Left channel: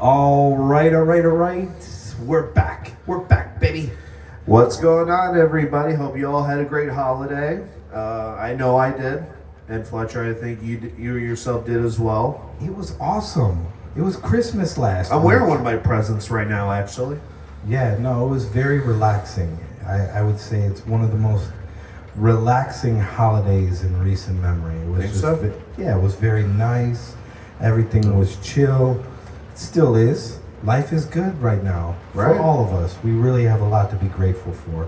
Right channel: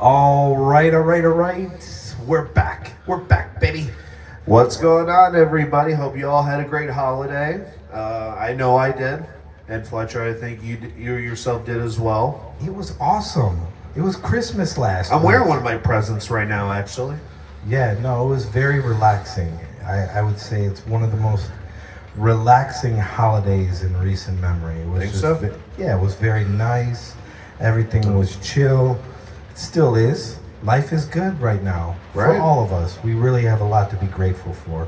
All right, all right, all right. We're back. We're back, baby. What's going on, everybody? Hope you all had a great holiday. I know I did. And Fletcher, I think you yourself did as well. It was awesome. It was Christmas last I'm week. wearing one of my presents right now, actually. Yeah, no, it was very relaxing. I would say it's one of the most relaxing holidays in recent memory. It was Think so? Yeah, it was very nice. Everything was chill. It still is. Life is good right now Right. for all of us. We really have a lot to be grateful for.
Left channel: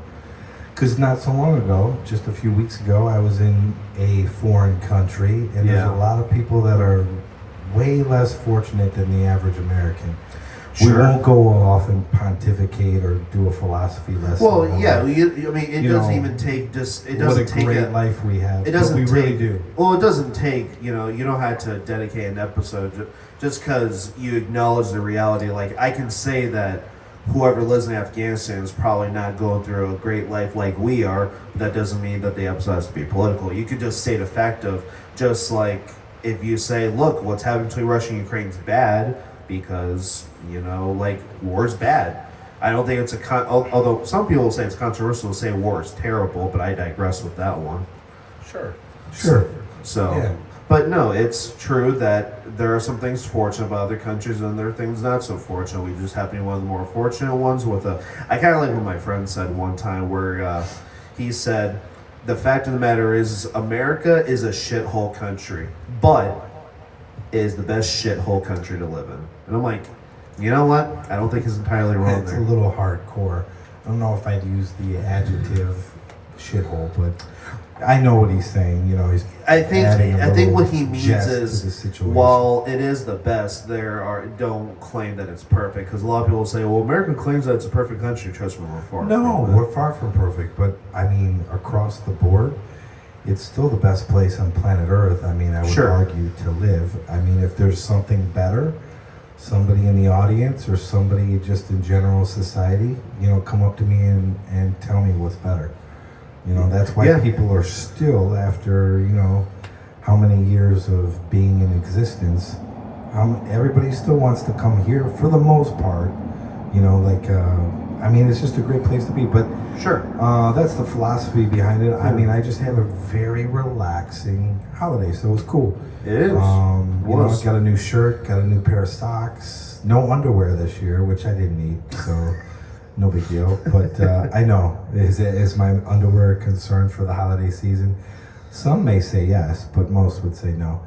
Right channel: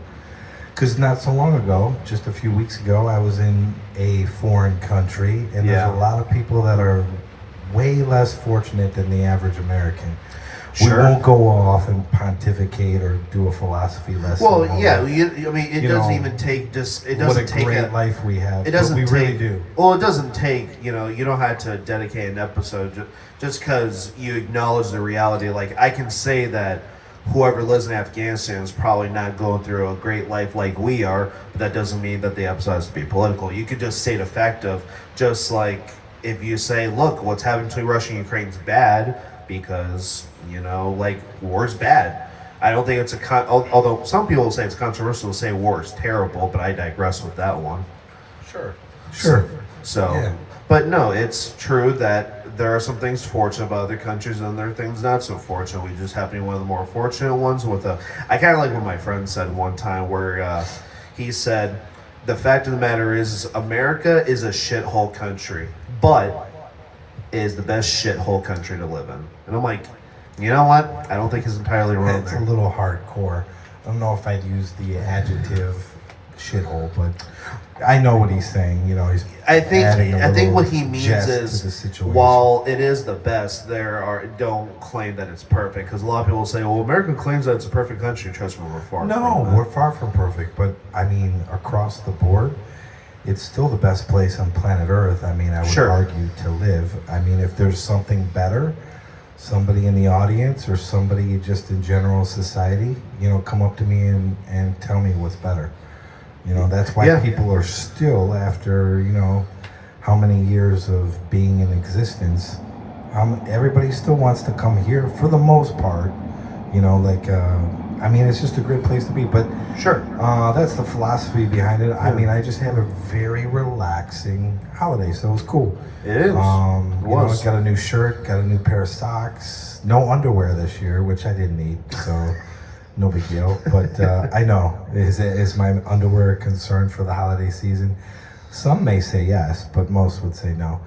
Because not so long ago, just a few weeks ago, I was in a foreign country, and Yeah. there's a lot of people that are way less fortunate than the average American. Sure. We won't go off and pontificate or do a philosophy lesson. Well, on yeah. what- It You doesn't know, even take just. It what doesn't a take great life we have. It but doesn't we take. really do. Well, it doesn't take. You don't have to dedicate an episode just because you acknowledge the reality. Like I can say that whoever lives in Afghanistan is probably not going through a great life like we are, but that doesn't mean that the episode has to be political. You could just state a fact of just like if you say, look, what's happening between Russia and Ukraine is bad because like war's bad. I don't think it's although some people say it's controversial to say war is terrible, but I digress with that one. Sure. So, Yeah. but no, it's true that there are some things fortunate about other countries and there are things not so fortunate. We just happen to be one of the more fortunate ones I kind of like what my friend said one time where he said, the fact of the matter is America is a shithole country, but it is the best shithole country to live in. And I'm like, you know what? I don't think he's entirely wrong That's there. a little hardcore. I don't know if I'd use the adjective shithole, but I know what he's saying. He's I think adding a little what he means jest to the is situation. while it is the best, don't claim that it's perfect because a lot of people say, "Well, America claims that it's a perfect country." Trust me, we're far. No, from that. we're far from perfect, but I mean, across the board, it's still the best place on planet Earth. I mean, I would Sure. argue to live. I mean, if there's something better, somebody in the audience or somebody just in general society, come up to me and tell me what's better. That's why Yeah. people are still, after, how many years of being in existence, everybody still wants to come here for the most part. I mean, it's just a great place to be. But Sure. that's the philosophy behind it. I mean, I just had a very relaxing holiday, so it was cool. It is. It was. Got a new shirt, got a new pair of socks. No underwear this year, which I didn't need, so no big deal. But I know, is my underwear a concern for the holiday season? Some may say yes, but most would say no.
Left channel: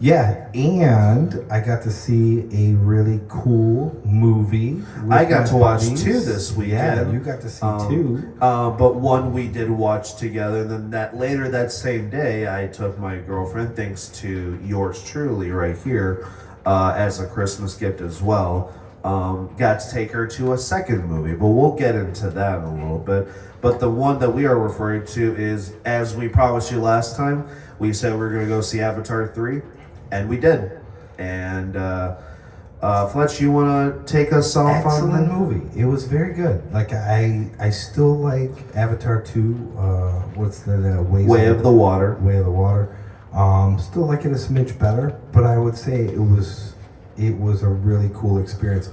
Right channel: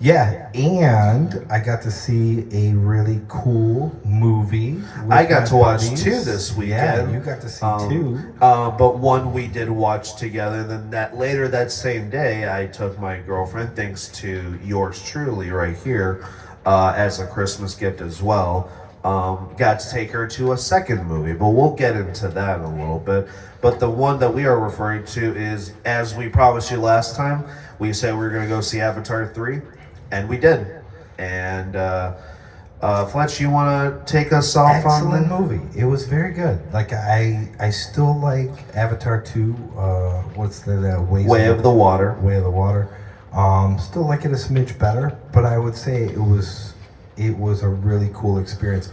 Yeah, and I got to see a really cool movie. I got to watch buddies. two this weekend. Yeah, you got to see two. But one we did watch together. And then later that same day, I took my girlfriend, thanks to yours truly right here, as a Christmas gift as well. Got to take her to a second movie, but we'll get into that in a little bit. But the one that we are referring to is, as we promised you last time, we said we were going to go see Avatar 3, and we did. And Fletch, you want to take us off on Excellent that? movie. It was very good. Like I still like Avatar 2. What's the Way of the Water. Way of the Water. Still like it a smidge better, but I would say it was a really cool experience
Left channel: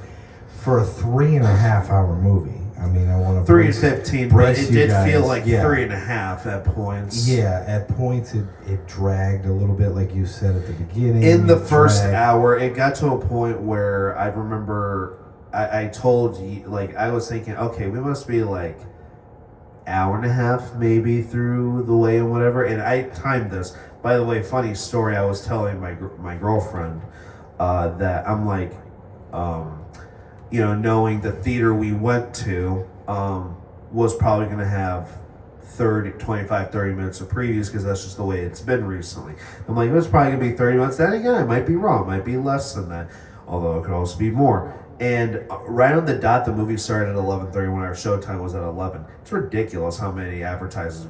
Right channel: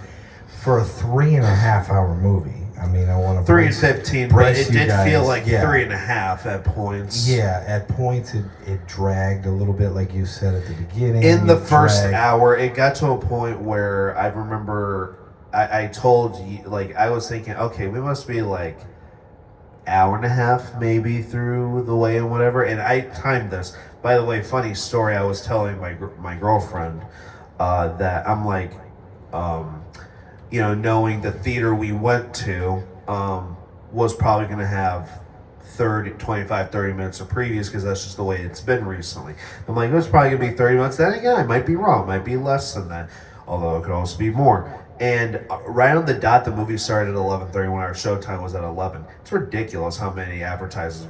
for a 3.5-hour movie. I mean, I want to 3:15, but it did feel like yeah. 3.5 at points. Yeah, at points it dragged a little bit, like you said at the beginning. In the It first dragged. hour, it got to a point where I remember I told you, like, I was thinking, okay, we must be like hour and a half maybe through the way and whatever. And I timed this. By the way, funny story, I was telling my girlfriend that I'm like, knowing the theater we went to was probably going to have 25, 30 minutes of previews because that's just the way it's been recently. I'm like, it's probably going to be 30 minutes. Then again, I might be wrong. It might be less than that, although it could also be more. And right on the dot, the movie started at 11:30 when our showtime was at 11. It's ridiculous how many advertisers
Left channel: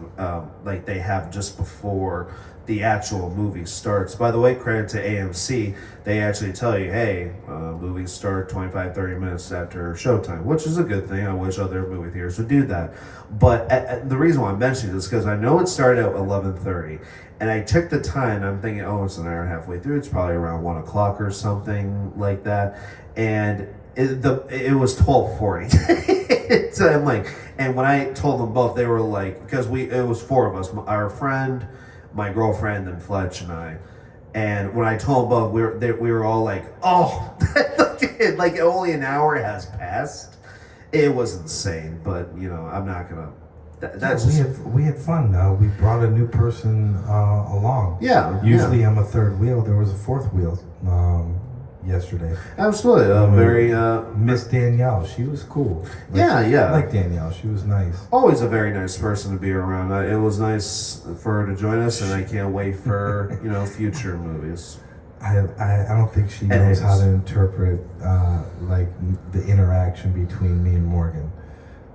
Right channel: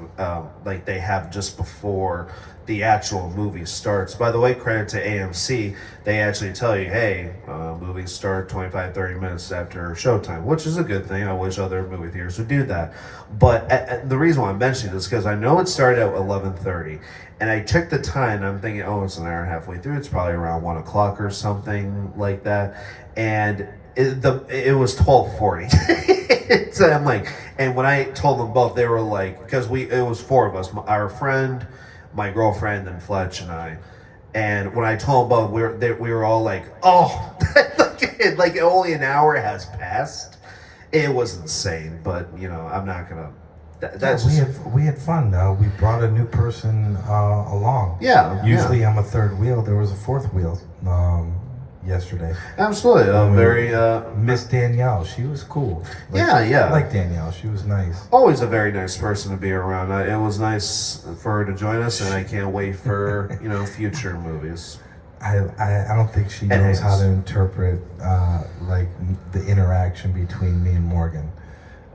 like they have just before the actual movie starts. By the way, credit to AMC. They actually tell you, hey, movies start 25, 30 minutes after showtime, which is a good thing. I wish other movie theaters would do that. But the reason why I'm mentioning this is because I know it started at 11:30, and I checked the time, and I'm thinking, oh, it's an hour and a half way through. It's probably around 1 o'clock or something like that. And it was 12:40. So I'm like, and when I told them both, they were like, because it was four of us, our friend, my girlfriend, and Fletch and I. And when I told them both, we were all like, oh, like only an hour has passed. It was insane, but I'm not gonna. We had fun though. We brought a new person along. Yeah. Usually I'm a third wheel. There was a fourth wheel yesterday. Absolutely. Very Miss Danielle. She was cool. Yeah. I like Danielle. She was nice. Always a very nice person to be around. It was nice for her to join us, and I can't wait for future movies. I don't think she knows how to interpret like the interaction between me and Morgan.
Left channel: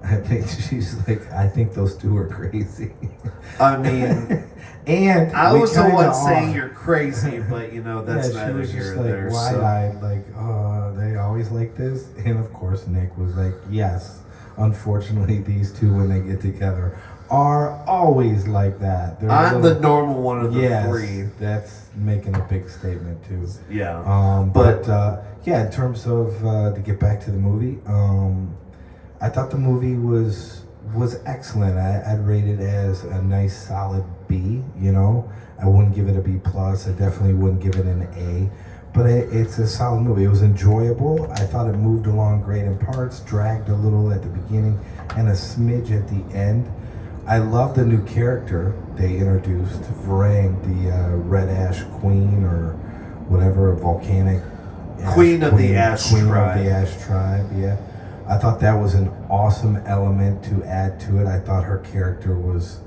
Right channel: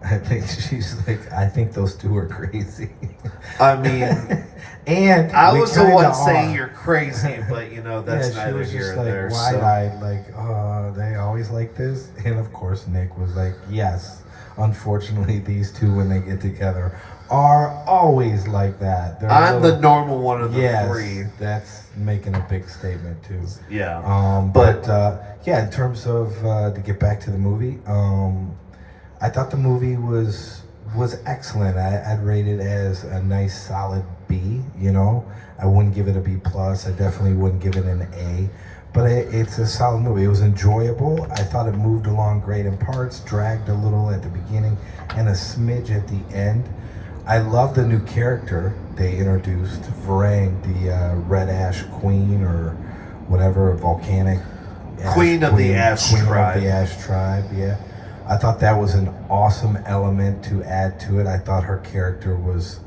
I think she's like, I think those two are crazy. I mean, and I was the one saying you're crazy, but that's neither here nor there. Wide-eyed, like, oh, they always like this. And of course, Nick was like, yes. Unfortunately, these two, when they get together, are always like that. I'm the normal one of the three. That's making a big statement too. Yeah. But in terms of to get back to the movie, I thought the movie was excellent. I'd rate it as a nice solid B. I wouldn't give it a B plus. I definitely wouldn't give it an A. But it's a solid movie. It was enjoyable. I thought it moved along great in parts, dragged a little at the beginning, and a smidge at the end. I love the new character they introduced, F.A.N, the Red Ash Queen or whatever, volcanic Queen of the Ash Tribe. Yeah. I thought that was an awesome element to add to it. I thought her character was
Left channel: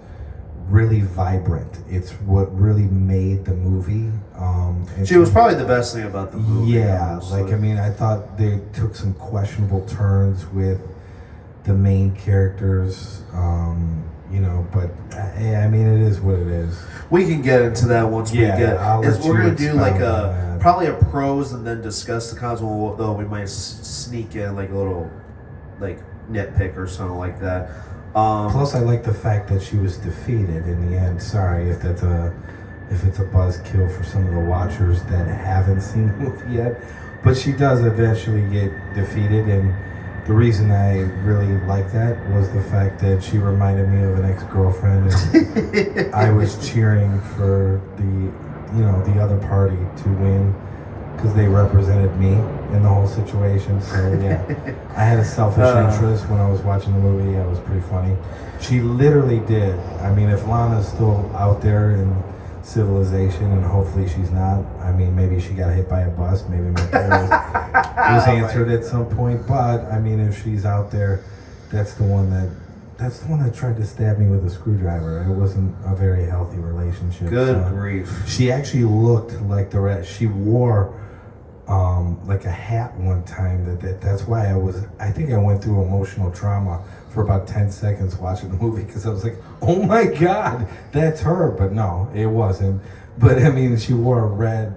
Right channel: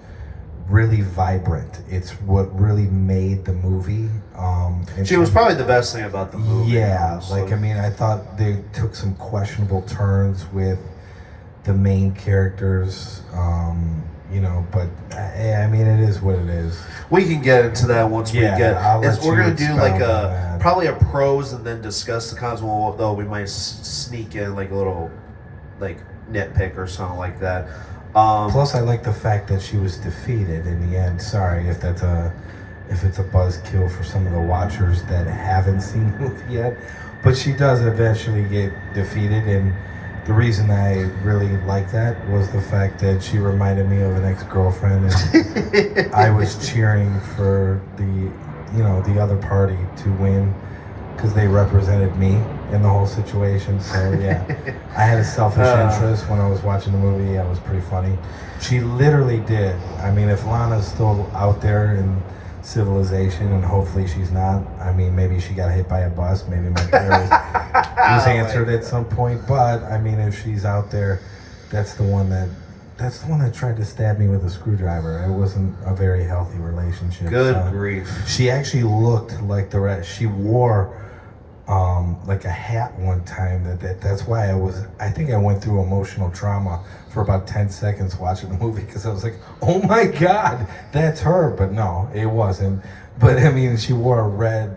really vibrant. It's what really made the movie. She was probably the best thing about the movie. Yeah, honestly. I thought they took some questionable turns with the main characters. But it is what it is. We can get into that once we get. We're gonna do that. probably a pros and then discuss the cons. Though we might sneak in like a little nitpick or something like that. Plus, I like the fact that she was defeated in the end. Sorry if it's a buzzkill for some of the watchers that haven't seen the movie yet, but she does eventually get defeated, and the reason I really like that was the fact that she reminded me of an ex-girlfriend, and I was cheering for the other party to win because they represented me in the whole situation. So yeah, I had a selfish interest when I was watching the movie. It was pretty funny. She literally did. I mean, if Lana's still out there in civilization, and hopefully she's not. I mean, maybe she got hit by a bus. Maybe my parents was answered at some point. But I mean, if she's out there, that's the one that tried to stab me with a screwdriver. It wasn't a very healthy relationship. Good grief. She actually looked like the rest. She wore like a hat one time. That's why I think I went through emotional trauma for about 10 seconds watching the movie, because I was like, oh my God, that's her. But no, it wasn't. But I mean, she wore a red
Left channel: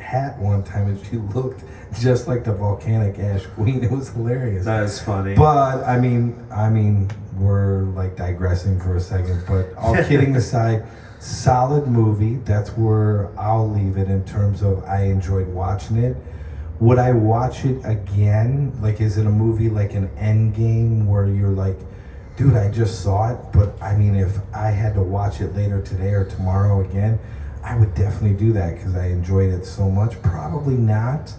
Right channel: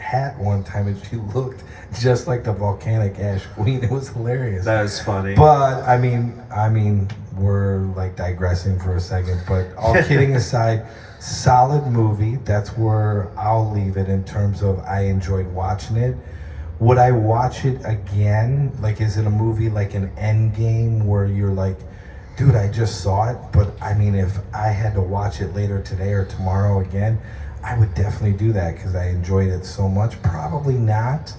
hat one time, and she looked just like the volcanic ash queen. It was hilarious. That is funny. But I mean, we're digressing for a second. But all kidding aside, solid movie. That's where I'll leave it in terms of I enjoyed watching it. Would I watch it again? Is it a movie like an Endgame where you're like, dude, I just saw it, but I mean, if I had to watch it later today or tomorrow again, I would definitely do that because I enjoyed it so much. Probably not.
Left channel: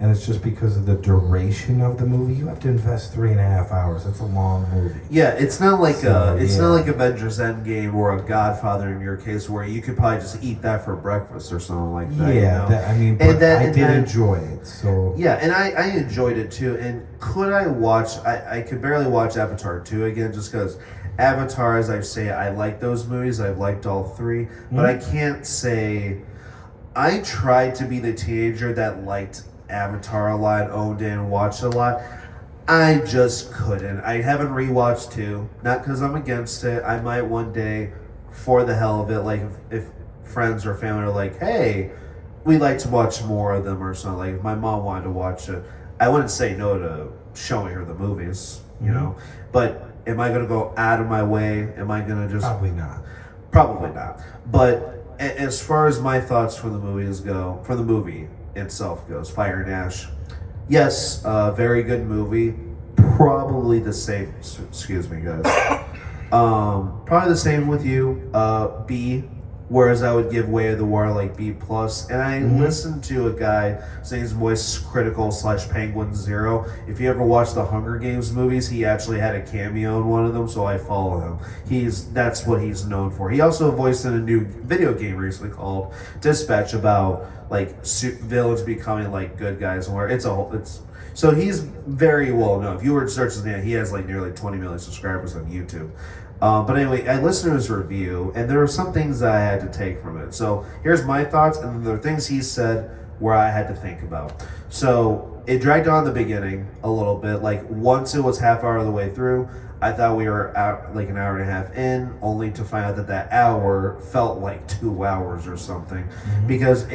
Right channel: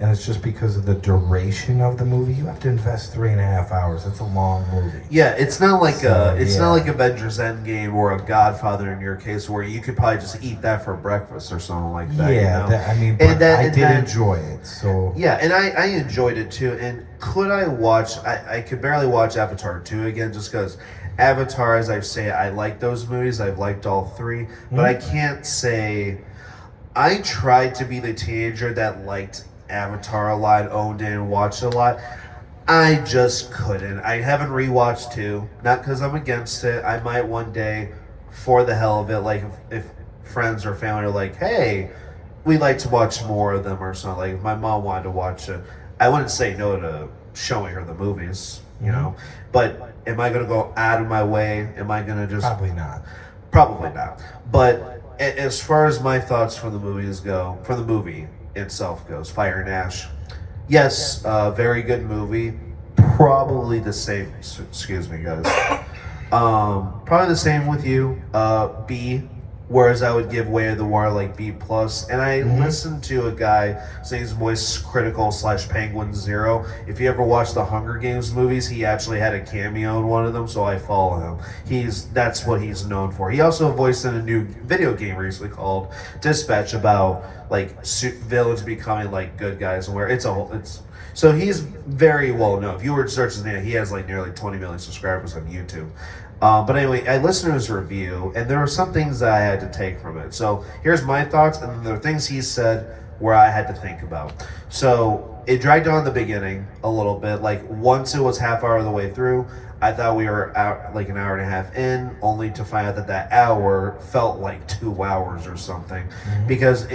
And it's just because of the duration of the movie. You have to invest 3.5 hours. That's a long movie. Yeah, it's not like not like Avengers Endgame or a Godfather in your case, where you could probably just eat that for breakfast or something like that. Yeah, I did enjoy it. So yeah, and I enjoyed it too. And could I watch? I could barely watch Avatar 2 again, just because Avatar, as I say, I like those movies. I've liked all three, but I can't say I tried to be the teenager that liked Avatar a lot, owned it, and watched it a lot. I just couldn't. I haven't rewatched 2, not because I'm against it. I might one day, for the hell of it. If friends or family are like, hey, we'd like to watch more of them or something. Like if my mom wanted to watch it, I wouldn't say no to showing her the movies, you know. But am I going to go out of my way? Am I going to just Probably not. Probably not. But as far as my thoughts for the movies go, for the movie itself goes, Fire and Ash, yes, very good movie. Probably the same. Excuse me, guys. Probably the same with you. B. Whereas I would give Way of the Water like B plus. And I listened to a guy, his name's Moist Critical / Penguin Zero. If you ever watch the Hunger Games movies, he actually had a cameo in one of them, so I follow him. That's what he's known for. He also voiced in a new video game recently called Dispatch about like villains becoming like good guys, and where it's so he's very well known. If you were to search his name, he has like nearly 20 million subscribers on YouTube. But anyway, I listened to his review, and there were some things that I had to take from it. So here's my thoughts, and then there are things he said where I had to think about. So it dragged on the beginning a little bit. Like once it was half hour of the way through, I thought we were out like an hour and a half in, only to find out that hour felt like 2 hours or something. Because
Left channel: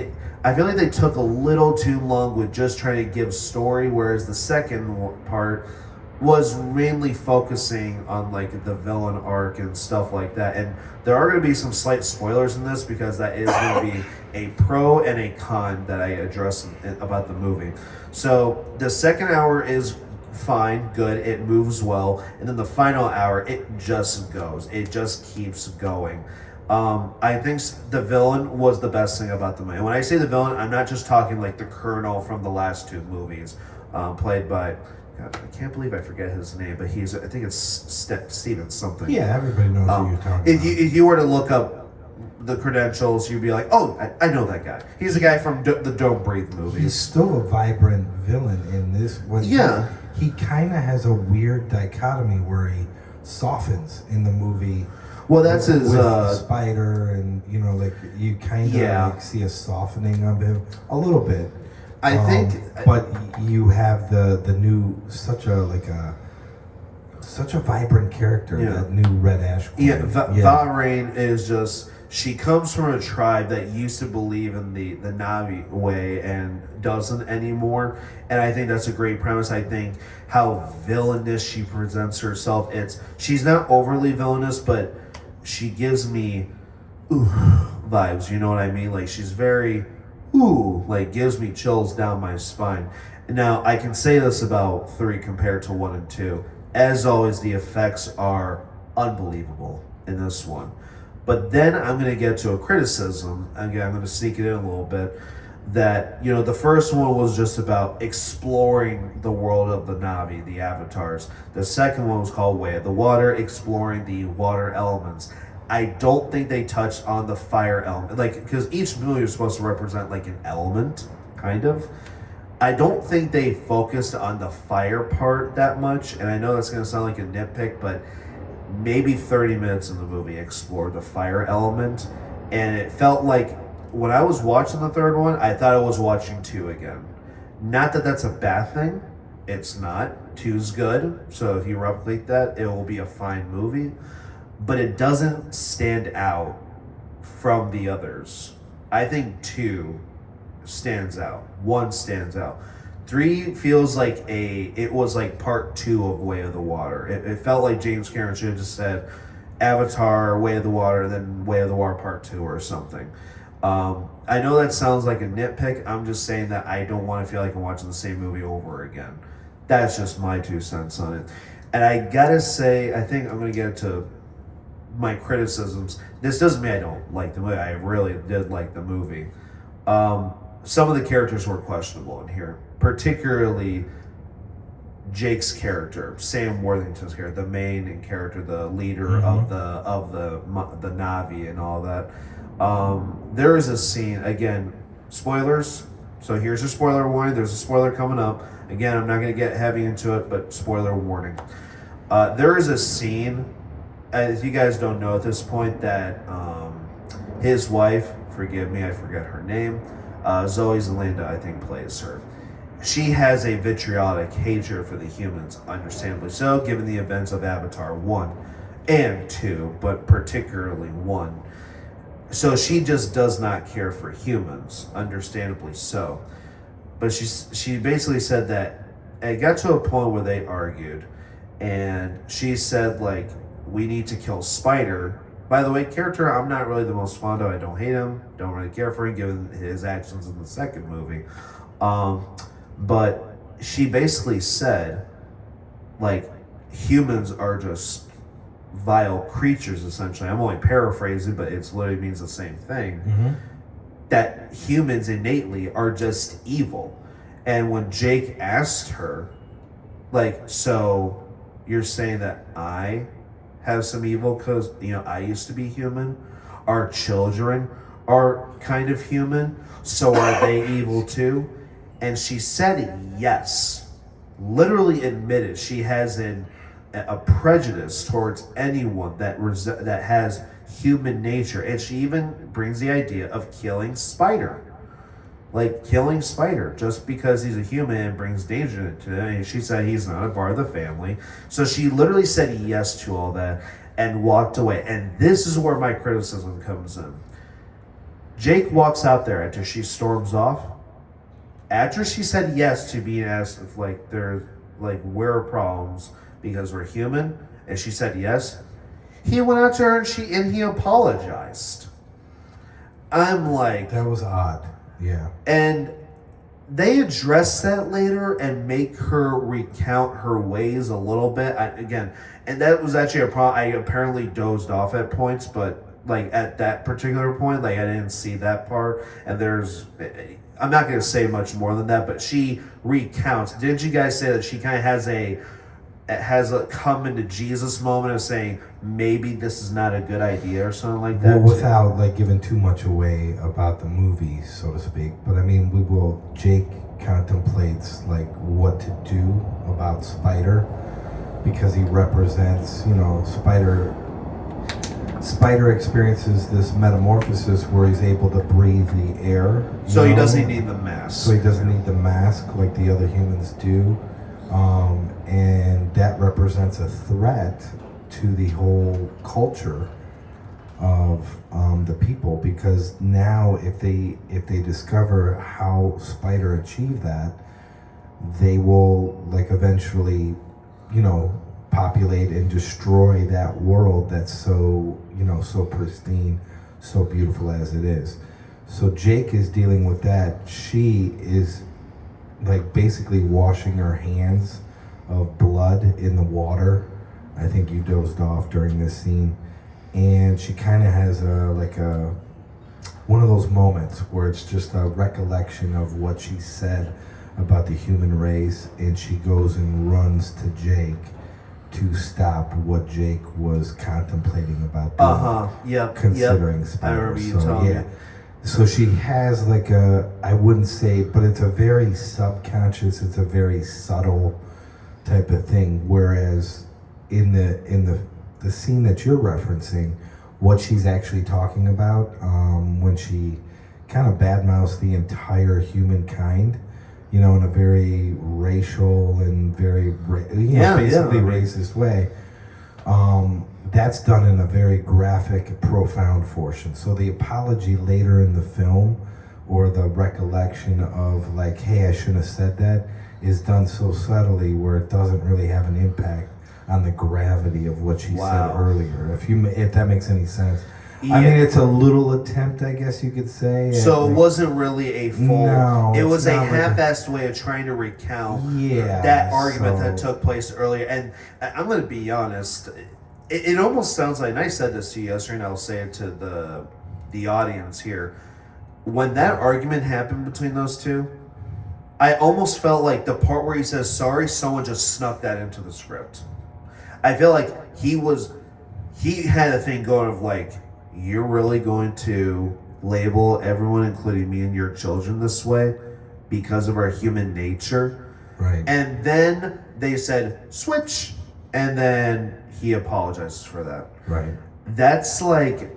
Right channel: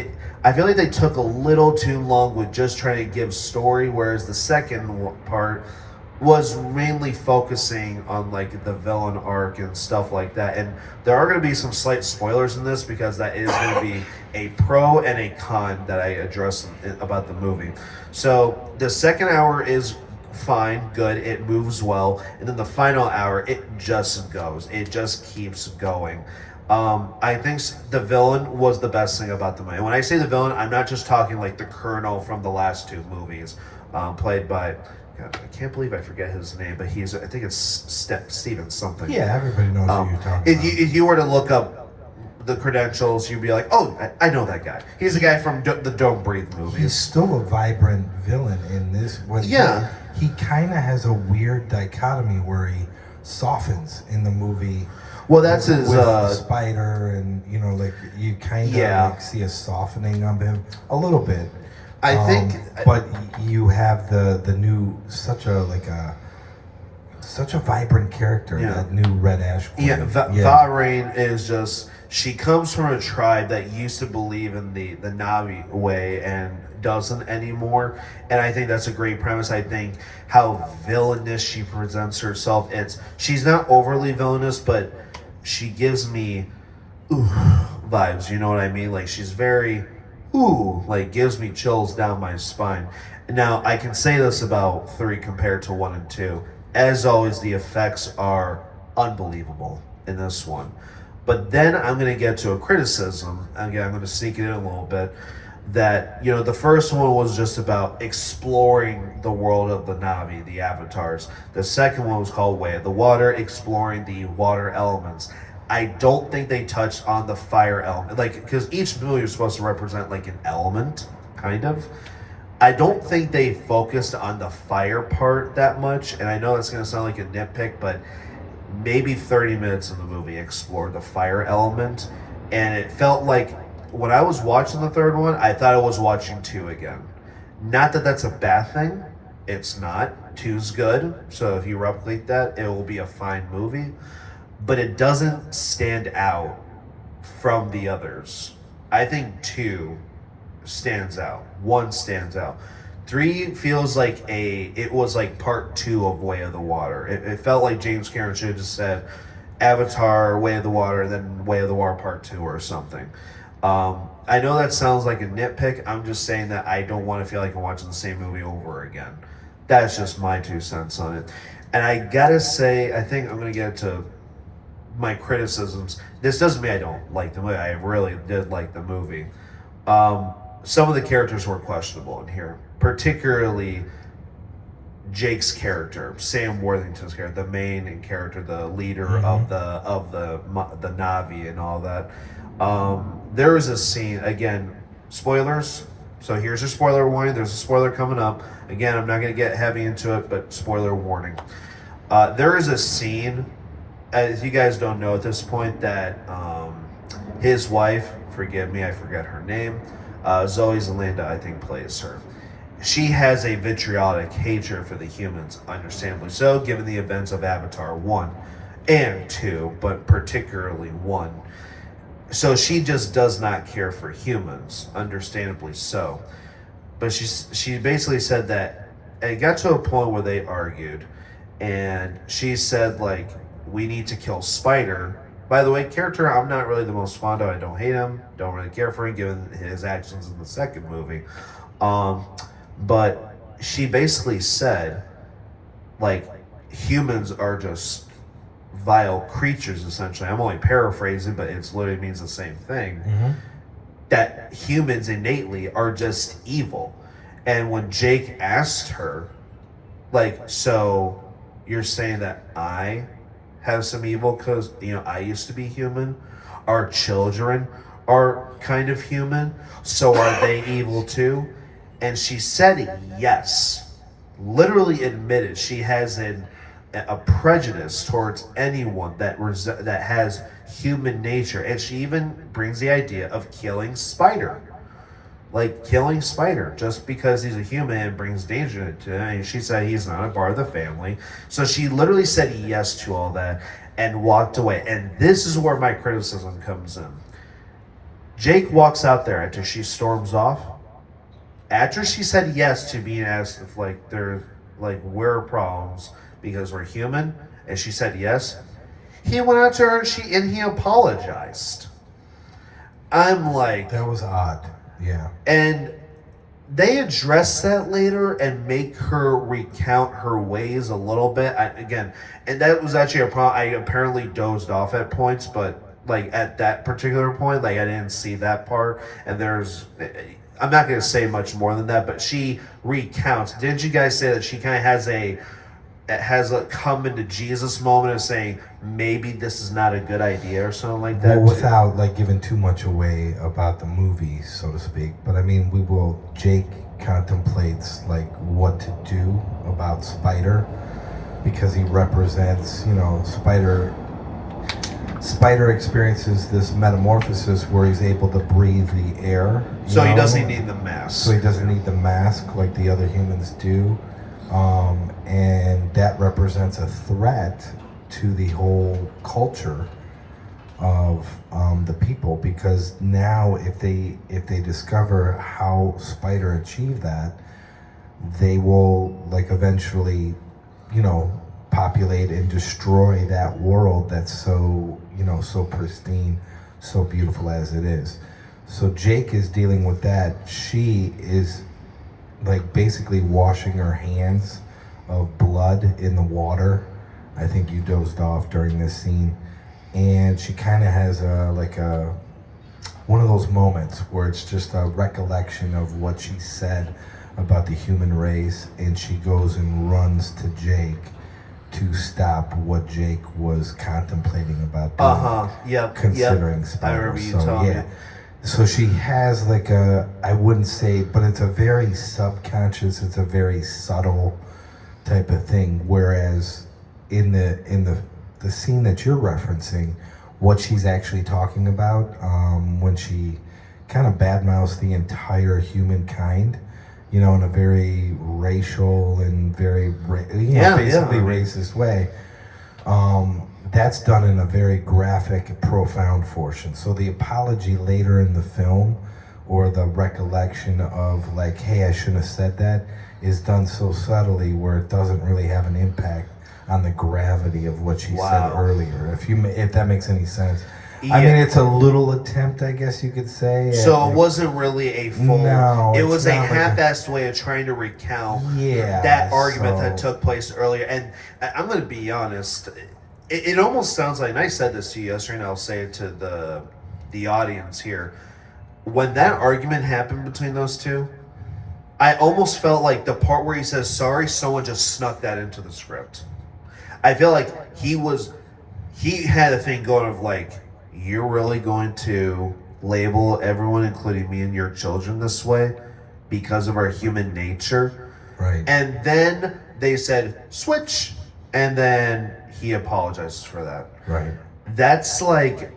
I feel like they took a little too long with just trying to give story, whereas the second part was mainly focusing on like the villain arc and stuff like that. And there are going to be some slight spoilers in this because that is going to be a pro and a con that I address about the movie. So the second hour is fine, good, it moves well, and then the final hour it just goes, it just keeps going. I think the villain was the best thing about the movie. And when I say the villain, I'm not just talking like the Colonel from the last 2 movies, played by, God, I can't believe I forget his name, but I think it's Steven something. Yeah, everybody knows who you're talking about. If you were to look up the credentials, you'd be like, oh, I know that guy. He's the guy from the Don't Breathe movies. He's still a vibrant villain in this one. Yeah. He kind of has a weird dichotomy where he softens in the movie. Well, that's with his the spider, and like you kind of like see a softening of him a little bit. I think, but you have the new such a vibrant character, that new Red Ash Queen. Va-Rain is just, she comes from a tribe that used to believe in the Navi way and doesn't anymore, and I think that's a great premise. I think how villainous she presents herself, she's not overly villainous, but she gives me vibes, you know what I mean? Like she's very like gives me chills down my spine. Now I can say this about 3 compared to 1 and 2. As always, the effects are unbelievable in this one. But then I'm going to get to a criticism. Again, I'm going to sneak it in a little bit. That, the first one was just about exploring the world of the Navi, the avatars. The second one was called Way of the Water, exploring the water elements. I don't think they touched on the fire element. Because each movie is supposed to represent like an element, kind of. I don't think they focused on the fire part that much. And I know that's going to sound like a nitpick, but maybe 30 minutes in the movie explored the fire element. And it felt like, when I was watching the third one, I thought I was watching 2 again. Not that that's a bad thing. It's not. 2's good. So if you replicate that, it will be a fine movie. But it doesn't stand out from the others. I think 2 stands out. 1 stands out. 3 feels like it was like part 2 of Way of the Water. It felt like James Cameron should have just said Avatar, Way of the Water, then Way of the Water part 2 or something. I know that sounds like a nitpick. I'm just saying that I don't want to feel like I'm watching the same movie over again. That's just my 2 cents on it. And I gotta say, I think I'm gonna get to my criticisms. This doesn't mean I don't like the movie. I really did like the movie. Some of the characters were questionable in here, particularly Jake's character, Sam Worthington's character, the main character, the leader of the Navi and all that. There is a scene, again, spoilers. So here's your spoiler warning. There's a spoiler coming up. Again, I'm not going to get heavy into it, but spoiler warning. There is a scene, as you guys don't know at this point, that his wife, forgive me, I forget her name, Zoe Zelanda, I think, plays her. She has a vitriolic hatred for the humans, understandably so, given the events of Avatar 1 and 2, but particularly 1. So she just does not care for humans, understandably so. But she basically said that it got to a point where they argued, and she said like, we need to kill Spider. By the way, character I'm not really the most fond of. I don't hate him, don't really care for him given his actions in the second movie. Um, but she basically said like, humans are just vile creatures essentially. I'm only paraphrasing, but it's literally means the same thing. Mm-hmm. That humans innately are just evil. And when Jake asked her, like, so you're saying that I have some evil because, I used to be human? Our children are kind of human, so are they evil too? And she said yes. Literally admitted she has a prejudice towards anyone that has human nature, and she even brings the idea of killing Spider, like killing Spider just because he's a human and brings danger to him. And she said he's not a part of the family, so she literally said yes to all that and walked away. And this is where my criticism comes in. Jake walks out there after she storms off. After she said yes to being asked if like there's like where are problems because we're human, and she said yes, he went out to her and he apologized. I'm like, that was odd. Yeah. And they address that later and make her recount her ways a little bit. And that was actually a problem. I apparently dozed off at points, but like at that particular point, like I didn't see that part. And I'm not going to say much more than that, but she recounts. Didn't you guys say that she kind of has a come into Jesus moment of saying maybe this is not a good idea or something like that? Well, without like giving too much away about the movie, so to speak. But I mean, Jake contemplates like what to do about Spider because he represents, Spider experiences this metamorphosis where he's able to breathe the air. So he doesn't need the mask. So he doesn't need the mask like the other humans do. And that represents a threat to the whole culture of the people, because now if they discover how Spider achieved that, they will like eventually, populate and destroy that world that's so so pristine, so beautiful as it is. So Jake is dealing with that. She is like basically washing her hands of blood in the water. I think you dozed off during this scene, and she kind of has one of those moments where it's just a recollection of what she said about the human race, and she goes and runs to Jake to stop what Jake was contemplating about doing, considering Spider. I remember you telling me. So she has like I wouldn't say, but it's a very subconscious, it's a very subtle type of thing. Whereas in the scene that you're referencing, what she's actually talking about, when she kind of badmouths the entire humankind, in a very racial and very racist way. That's done in a very graphic, profound fashion. So the apology later in the film, or the recollection of like, hey, I shouldn't have said that, is done so subtly where it doesn't really have an impact on the gravity of what she said earlier. If that makes any sense. Yeah. I mean, it's a little attempt, I guess you could say. So it wasn't really a full... No, it was a half-assed way of trying to recount that argument that took place earlier. And I'm going to be honest, it almost sounds like, and I said this to you yesterday, and I'll say it to the audience here. When that argument happened between those two, I almost felt like the part where he says sorry, someone just snuck that into the script. I feel like he had a thing going of like, you're really going to label everyone, including me and your children, this way because of our human nature? Right. And then they said, switch. And then he apologizes for that. Right. That's like,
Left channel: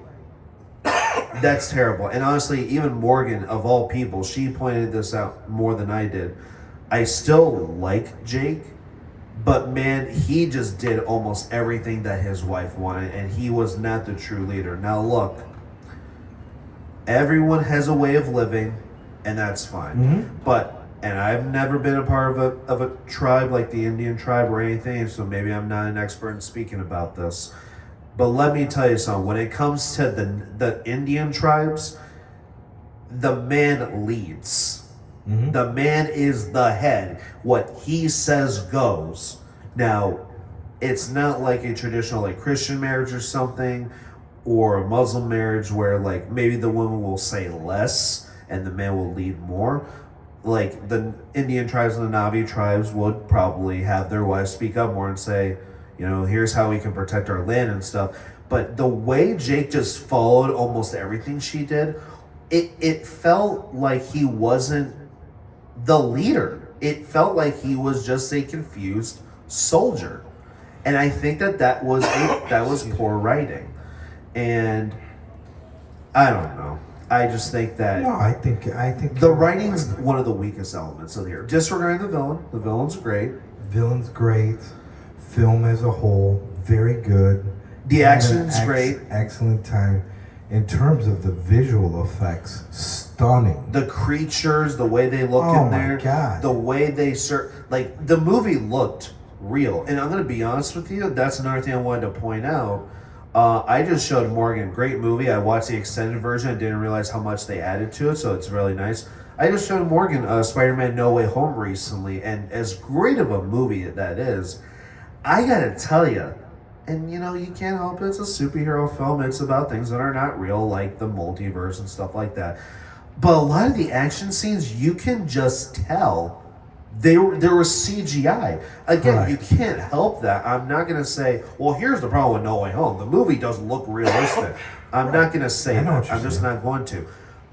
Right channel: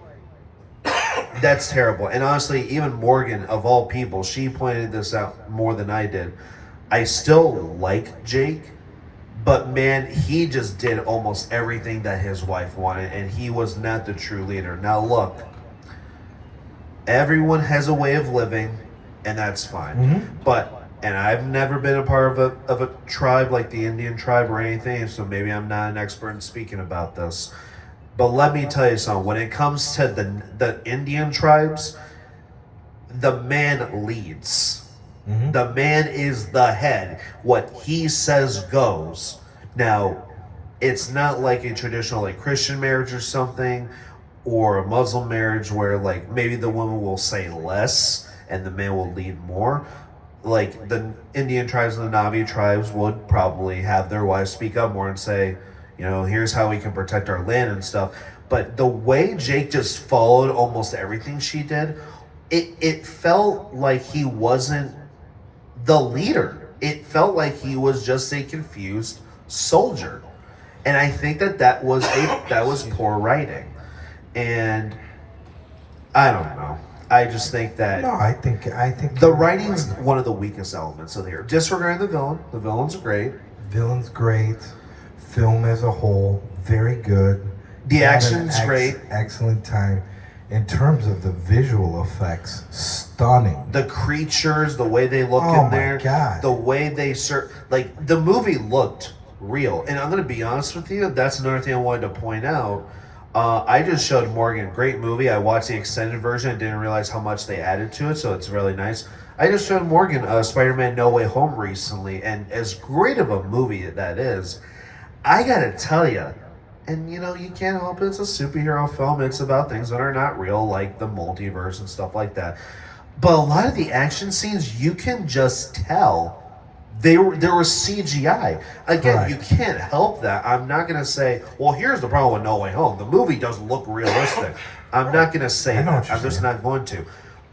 that's terrible. And honestly, even Morgan, of all people, she pointed this out more than I did. I still like Jake, but man, he just did almost everything that his wife wanted, and he was not the true leader. Now look, Everyone has a way of living, and that's fine. But and I've never been a part of a tribe like the Indian tribe or anything, so maybe I'm not an expert in speaking about this. But let me tell you something. When it comes to the Indian tribes, the man leads. The man is the head. What he says goes. Now, it's not like a traditional like Christian marriage or something, or a Muslim marriage where like maybe the woman will say less and the man will lead more. Like the Indian tribes and the Navi tribes would probably have their wives speak up more and say, here's how we can protect our land and stuff. But the way Jake just followed almost everything she did, it felt like he wasn't the leader. It felt like he was just a confused soldier. And I think that was poor writing. And I don't know. I just think that No, I think the writing's one of the weakest elements of here. Disregarding the villain. The villain's great. Villain's great. Film as a whole, very good. The action's great. Excellent time. In terms of the visual effects, stunning. The creatures, the way they look Oh in there, my God. the way they like the movie looked real. And I'm gonna be honest with you, that's another thing I wanted to point out. I just showed Morgan, great movie. I watched the extended version and didn't realize how much they added to it, so it's really nice. I just showed Morgan Spider-Man No Way Home recently, and as great of a movie that is, I gotta tell you, and you can't help it, it's a superhero film, it's about things that are not real, like the multiverse and stuff like that. But a lot of the action scenes, you can just tell there was CGI. Again, Right. you can't help that. I'm not going to say, well, here's the problem with No Way Home. The movie doesn't look realistic. I'm not going to say I know that. what you're I'm just saying. not going to.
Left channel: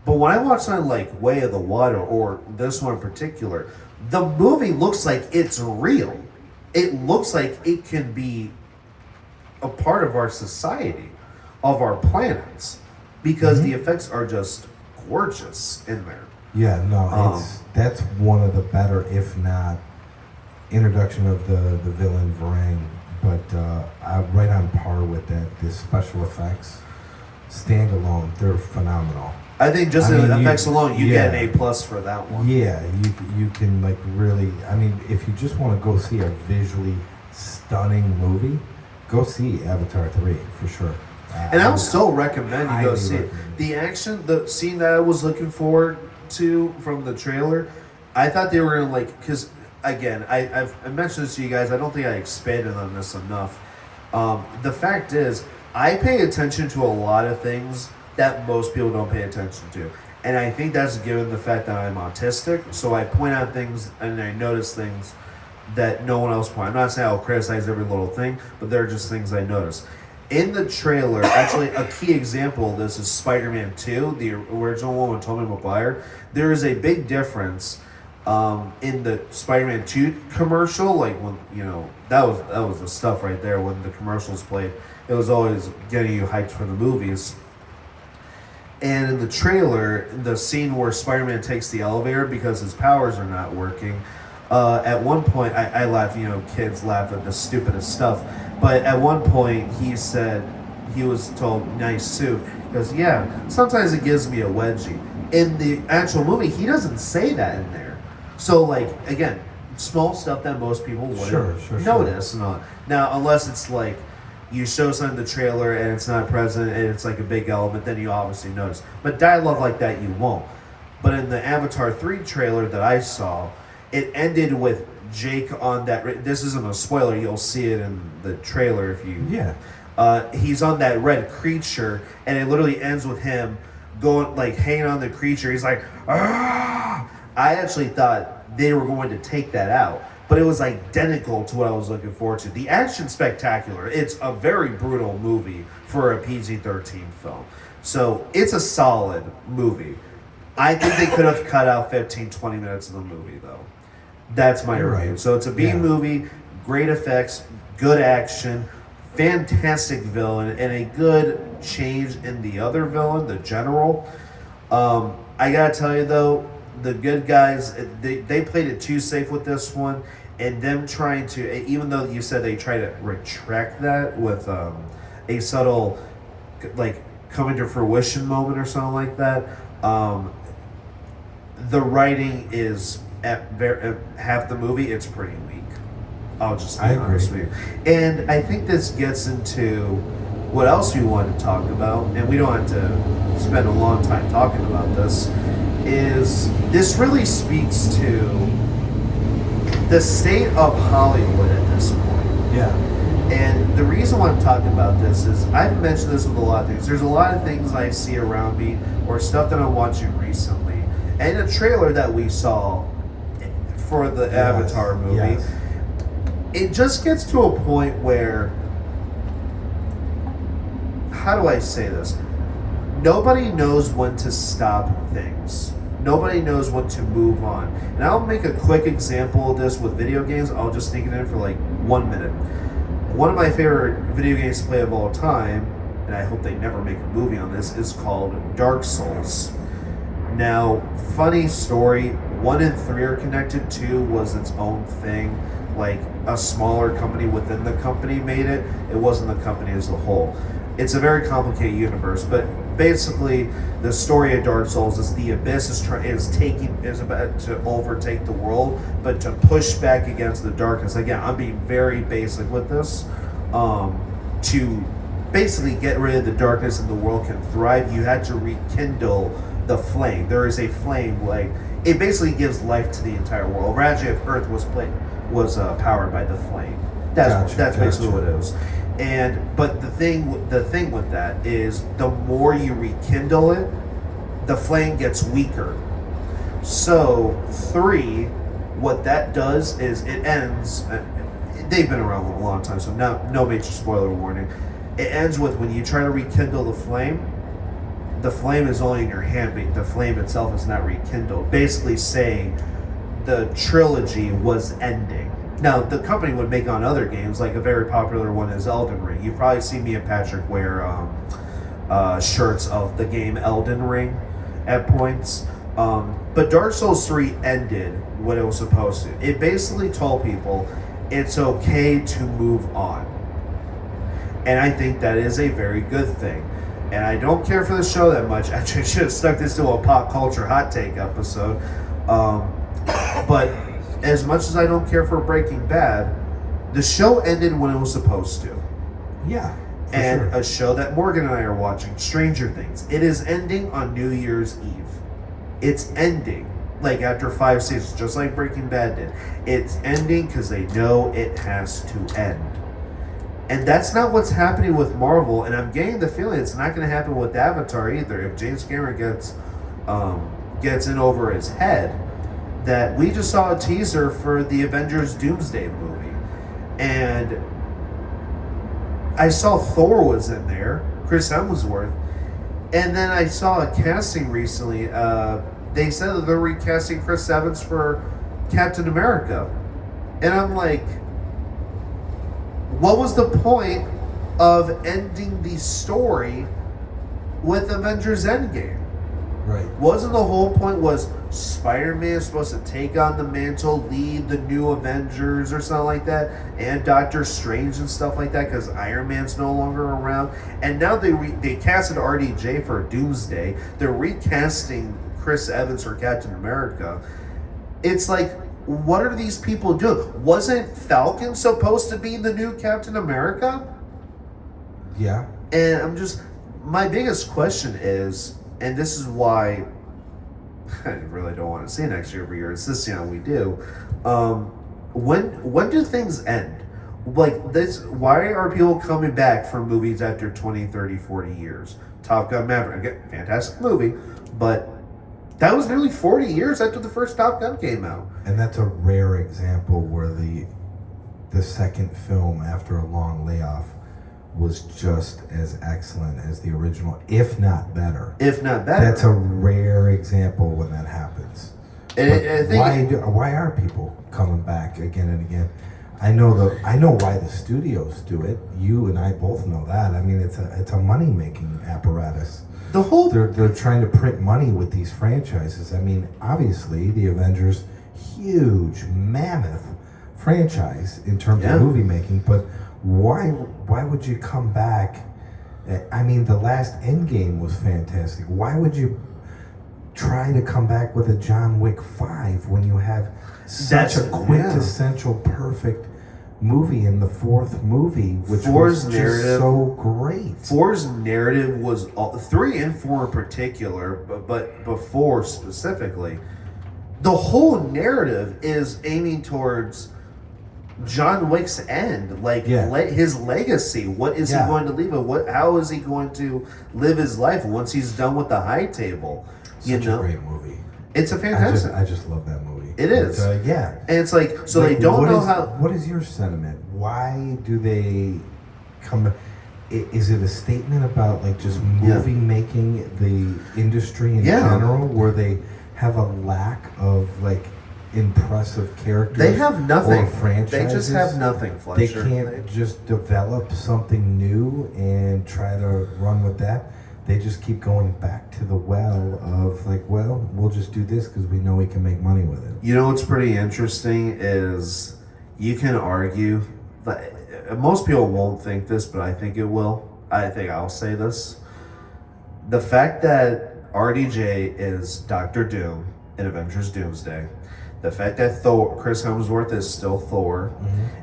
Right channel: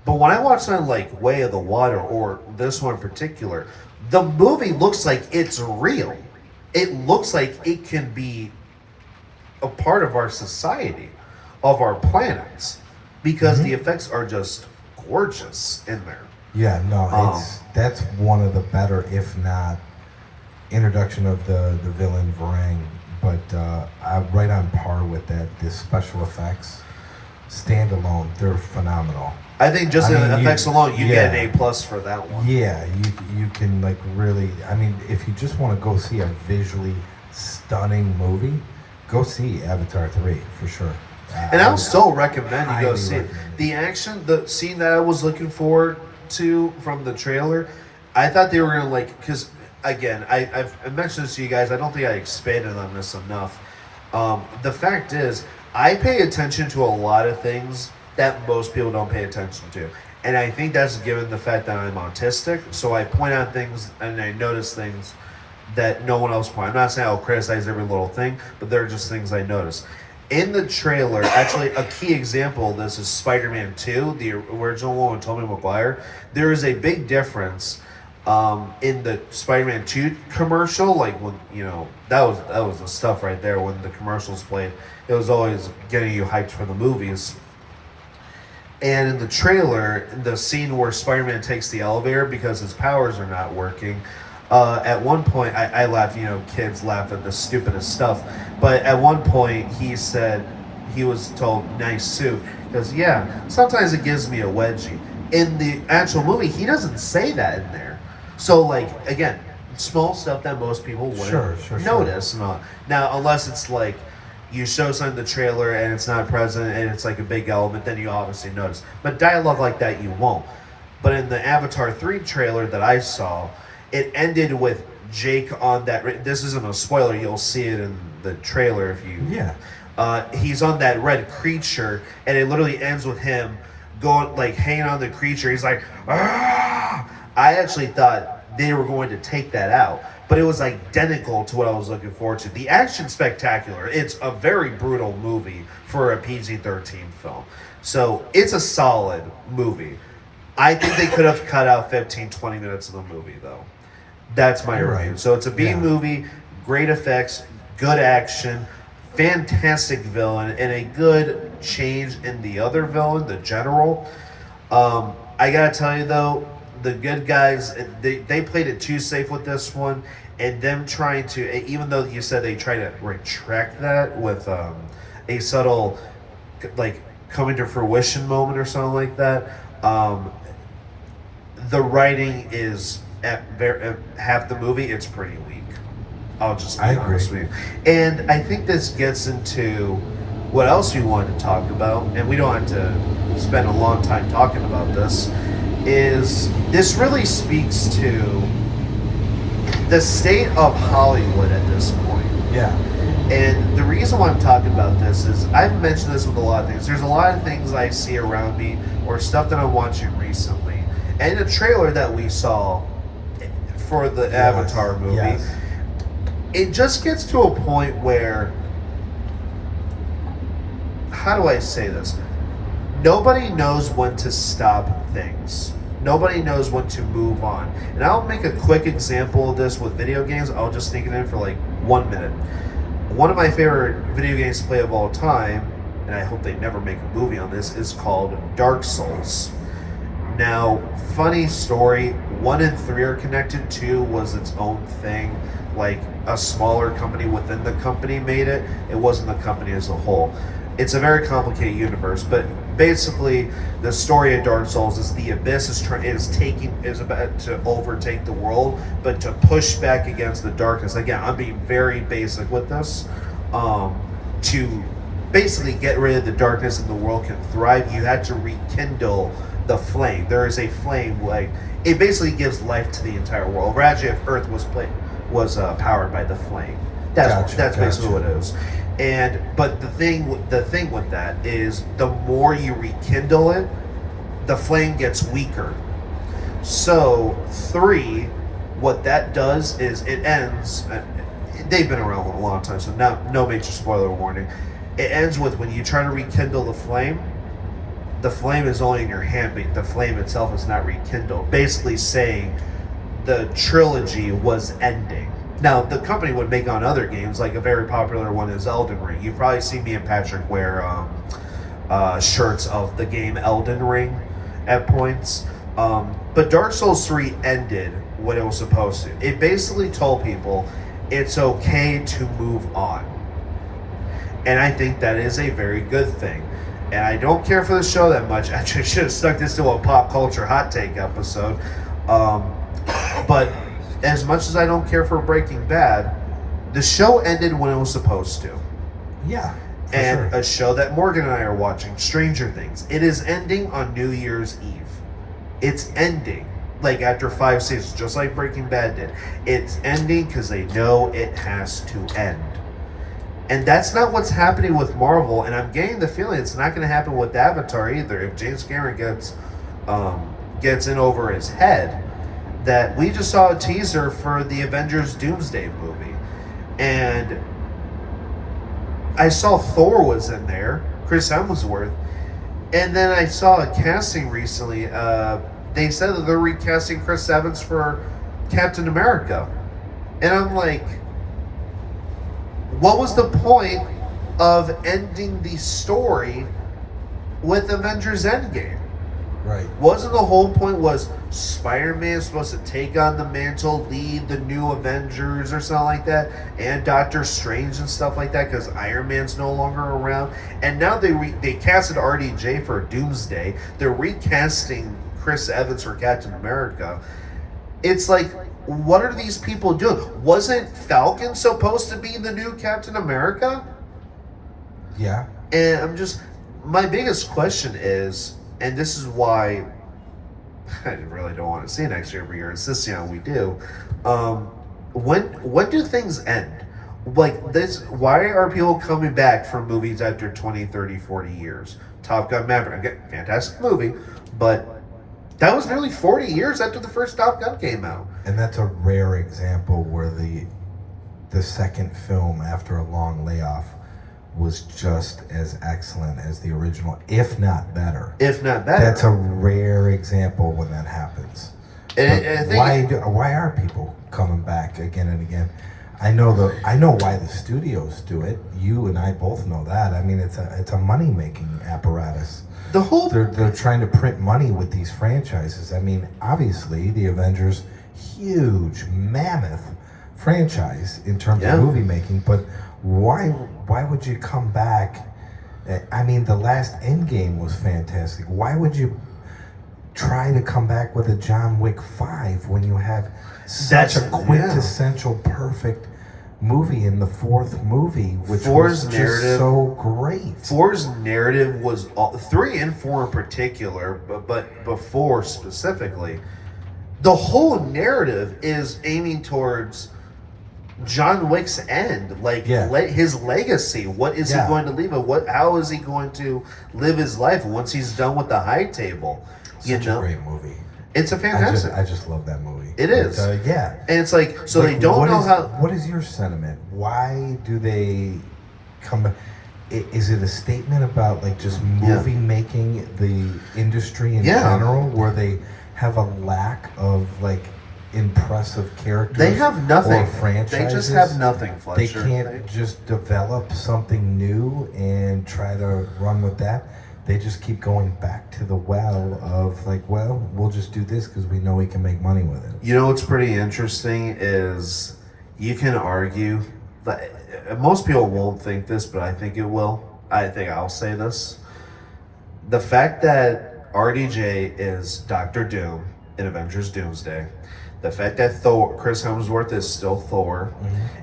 But when I watch something like Way of the Water or this one in particular, the movie looks like it's real. It looks like it can be a part of our society, of our planets, because the effects are just gorgeous in there. Yeah, no, that's one of the better, if not introduction of the villain Varang, but I'm right on par with that. The special effects, standalone, they're phenomenal. I think just I in mean, effects alone, you get yeah. an A+ for that one. Yeah, you can like really. I mean, if you just want to go see a visually stunning movie, go see Avatar 3 for sure. And I'll still recommend you go highly see it. recommend. The action, the scene that I was looking forward to from the trailer, I thought they were gonna because again, I've mentioned this to you guys. I don't think I expanded on this enough. The fact is, I pay attention to a lot of things that most people don't pay attention to, and I think that's given the fact that I'm autistic. So I point out things and I notice things that no one else points. I'm not saying I'll criticize every little thing, but they're just things I notice. In the trailer, actually, a key example of this is Spider-Man 2, the original one with Tobey Maguire. There is a big difference in the Spider-Man 2 commercial. Like when that was the stuff right there when the commercials played. It was always getting you hyped for the movies. And in the trailer, the scene where Spider-Man takes the elevator because his powers are not working. At one point, I laugh, kids laugh at the stupidest stuff. But at one point, he said, he was told, nice suit. Because, yeah, sometimes it gives me a wedgie. In the actual movie, he doesn't say that in there. So, like, again, small stuff that most people wouldn't notice. Sure. Now, unless it's like, you show something in the trailer and it's not present and it's like a big element, then you obviously notice. But dialogue like that, you won't. But in the Avatar 3 trailer that I saw, it ended with Jake on that. This isn't a spoiler. You'll see it in the trailer if you. Yeah. He's on that red creature, and it literally ends with him going like hanging on the creature. He's like, ah! I actually thought they were going to take that out, but it was identical to what I was looking forward to. The action's spectacular. It's a very brutal movie for a PG-13 film, so it's a solid movie. I think they could have cut out 15, 20 minutes of the movie, though. That's my review. Right. So it's a B movie, great effects, good action, fantastic villain, and a good change in the other villain, the general. I gotta tell you, though, the good guys, they played it too safe with this one, and them trying to, even though you said they try to retract that with a subtle, like, coming to fruition moment or something like that. The writing is at half the movie. It's pretty weak. I'll just be honest with you. And I think this gets into what else we want to talk about, and we don't have to spend a long time talking about this. Is this really speaks to the state of Hollywood at this point? Yeah. And the reason why I'm talking about this is I've mentioned this with a lot of things. There's a lot of things I see around me or stuff that I'm watching recently. And a trailer that we saw for the Avatar movie, it just gets to a point where, how do I say this? Nobody knows when to stop things. Nobody knows when to move on. And I'll make a quick example of this with video games. I'll just sneak it in for like 1 minute. One of my favorite video games to play of all time, and I hope they never make a movie on this, is called Dark Souls. Now, funny story, 1 and 3 are connected, 2 was its own thing. Like a smaller company within the company made it. It wasn't the company as a whole. It's a very complicated universe, but basically the story of Dark Souls is the Abyss is about to overtake the world, but to push back against the darkness. Again, I'm being very basic with this. To basically get rid of the darkness and the world can thrive, you had to rekindle the flame. There is a flame, like it basically gives life to the entire world. Actually, if Earth was powered by the flame, that's basically what it is. But the thing with that is, the more you rekindle it, the flame gets weaker. So 3, what that does is it ends. They've been around a long time, so now no major spoiler warning. It ends with when you try to rekindle the flame is only in your hand, but the flame itself is not rekindled. Basically saying the trilogy was ending. Now, the company would make on other games, like a very popular one is Elden Ring. You've probably seen me and Patrick wear shirts of the game Elden Ring at points. But Dark Souls 3 ended what it was supposed to. It basically told people it's okay to move on. And I think that is a very good thing. And I don't care for the show that much. Actually, I should have stuck this to a pop culture hot take episode. But as much as I don't care for Breaking Bad, the show ended when it was supposed to. Yeah. And a show that Morgan and I are watching, Stranger Things, it is ending on New Year's Eve. It's ending, like after 5 seasons, just like Breaking Bad did. It's ending because they know it has to end. And that's not what's happening with Marvel, and I'm getting the feeling it's not going to happen with Avatar either. If James Cameron gets in over his head, that we just saw a teaser for the Avengers Doomsday movie, and I saw Thor was in there, Chris Hemsworth, and then I saw a casting recently. They said that they're recasting Chris Evans for Captain America, and I'm like, what was the point of ending the story with Avengers Endgame? Right. Wasn't the whole point was Spider-Man supposed to take on the mantle, lead the new Avengers or something like that, and Doctor Strange and stuff like that, because Iron Man's no longer around. And now they casted RDJ for Doomsday. They're recasting Chris Evans for Captain America. It's like, what are these people doing? Wasn't Falcon supposed to be the new Captain America? Yeah. And my biggest question is, and this is why I really don't want to see next year, but you're insisting on we do. When do things end? Like this, why are people coming back for movies after 20, 30, 40 years? Top Gun Maverick, again, fantastic movie, but that was nearly 40 years after the first Top Gun came out. And that's a rare example where the second film after a long layoff was just as excellent as the original, if not better. If not better. That's a rare example when that happens. And I think why are people coming back again and again? I know why the studios do it. You and I both know that. I mean, it's a money making apparatus. They're trying to print money with these franchises. I mean, obviously, the Avengers, huge, mammoth franchise in terms of movie making, but why would you come back I mean, the last Endgame was fantastic. Why would you try to come back with a John Wick 5 when you have such a quintessential perfect movie in the fourth movie, which was just so great. 4's narrative was 3 and 4 in particular, but before specifically, the whole narrative is aiming towards John Wick's end, his legacy. What is he going to leave? How is he going to live his life once he's done with the high table? Such a great movie. It's a fantastic. I just love that movie. It is. Yeah. And it's like, so they don't know how. What is your sentiment? Why do they come? Is it a statement about like just movie making the industry in general, where they have a lack of like impressive characters? They have nothing. Or franchises? They just have nothing, Fletcher. They can't just develop something new and try to run with that. They just keep going back to the well of like, well, we'll just do this because we know we can make money with it. You know what's pretty interesting is you can argue that most people won't think this, but I think it will. I think I'll say this. The fact that RDJ is Doctor Doom in Avengers Doomsday, the fact that Chris Hemsworth is still Thor,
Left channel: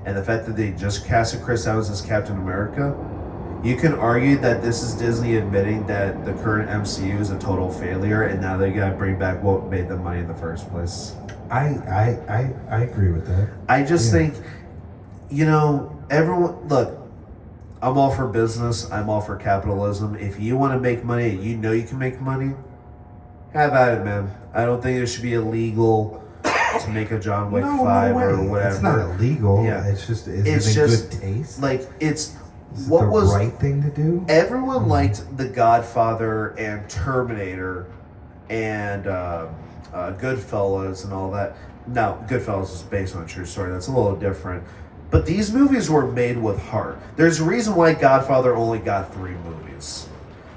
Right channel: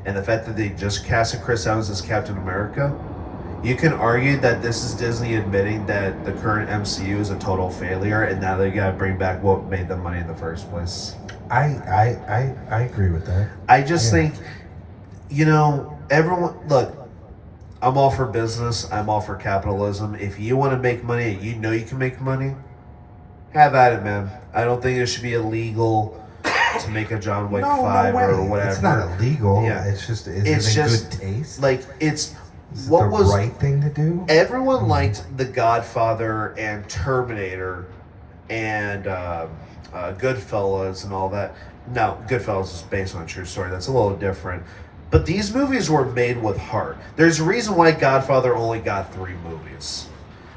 and the fact that they just casted Chris Evans as Captain America, you can argue that this is Disney admitting that the current MCU is a total failure, and now they gotta bring back what made them money in the first place. I agree with that. I just think, everyone, look, I'm all for business. I'm all for capitalism. If you want to make money and you know you can make money, have at it, man. I don't think it should be illegal to make a John Wick 5 or whatever. It's not illegal. Yeah. It's just, it's just good taste. Like, it's... Is what was the right thing to do? Everyone liked The Godfather and Terminator and Goodfellas and all that. Now, Goodfellas is based on a true story. That's a little different. But these movies were made with heart. There's a reason why Godfather only got 3 movies.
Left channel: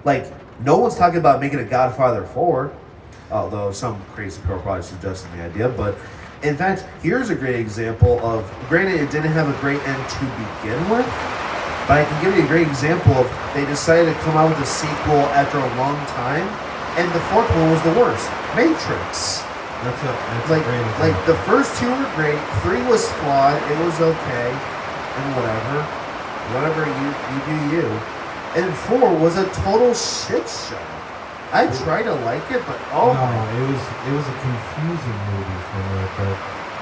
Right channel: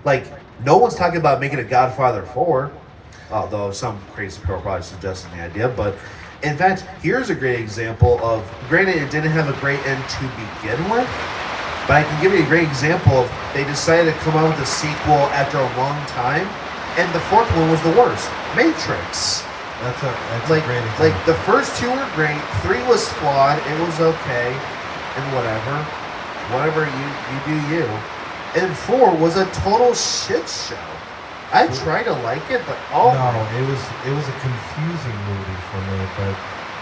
Like, no one's talking about making a Godfather 4, although some crazy people probably suggesting the idea. But, in fact, here's a great example of, granted, it didn't have a great end to begin with, but I can give you a great example of they decided to come out with a sequel after a long time, and the 4th one was the worst. Matrix. That's a great example. Like, the first 2 were great, 3 was flawed, it was okay, and whatever. Whatever, you do you. And 4 was a total shit show. I tried to like it, but it was a confusing movie for me, but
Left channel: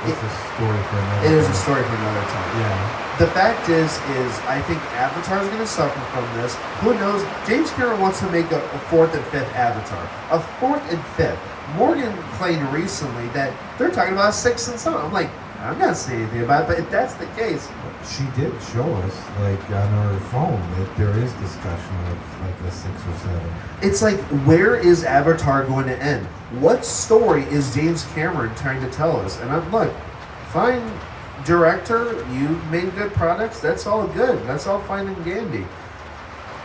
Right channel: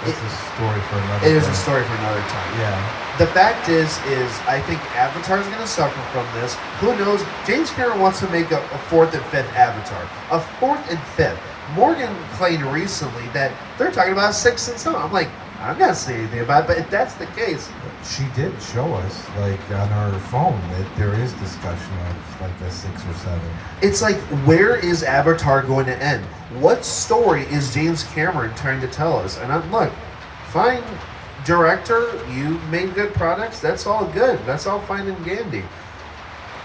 it's a story for another time. It is a story for another time. Yeah. The fact is I think Avatar's going to suffer from this. Who knows? James Cameron wants to make a 4th and 5th Avatar. A 4th and 5th. Morgan claimed recently that they're talking about 6th and 7th. I'm like, I'm not saying anything about it, but if that's the case. She did show us, like, on her phone, that there is discussion of, like, a 6 or 7. It's like, where is Avatar going to end? What story is James Cameron trying to tell us? And I'm like, fine, director, you made good products, that's all good. That's all fine and dandy.